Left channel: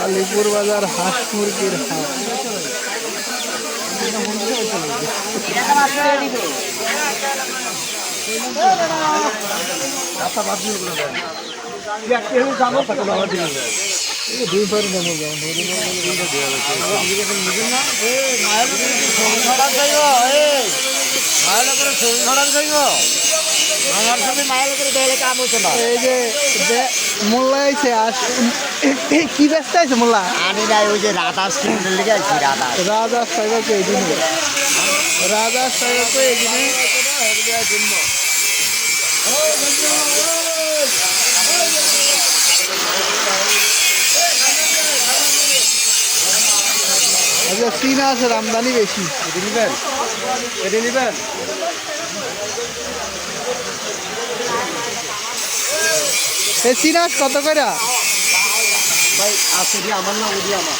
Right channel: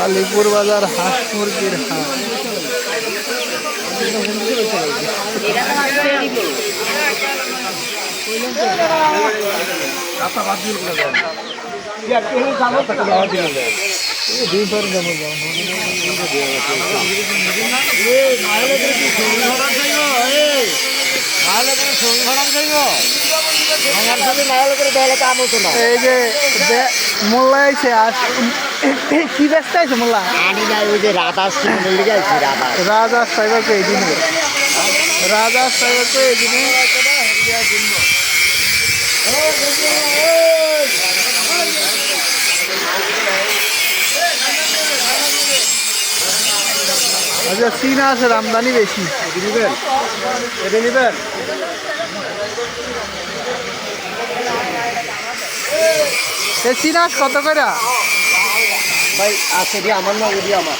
কালীপুর বাজার হাঁস মুরগির হাট। এই যে মোল্লা আইছে কি ব্যস্ত আছে মোল্লা রাজা সাহেবকে এই দিনে রাজা সাহেবকে এই দিনে আচ্ছা চীনা আছে আমদানি বেশি চীনা কত করে ভাই আছে আমার না ওদি আমার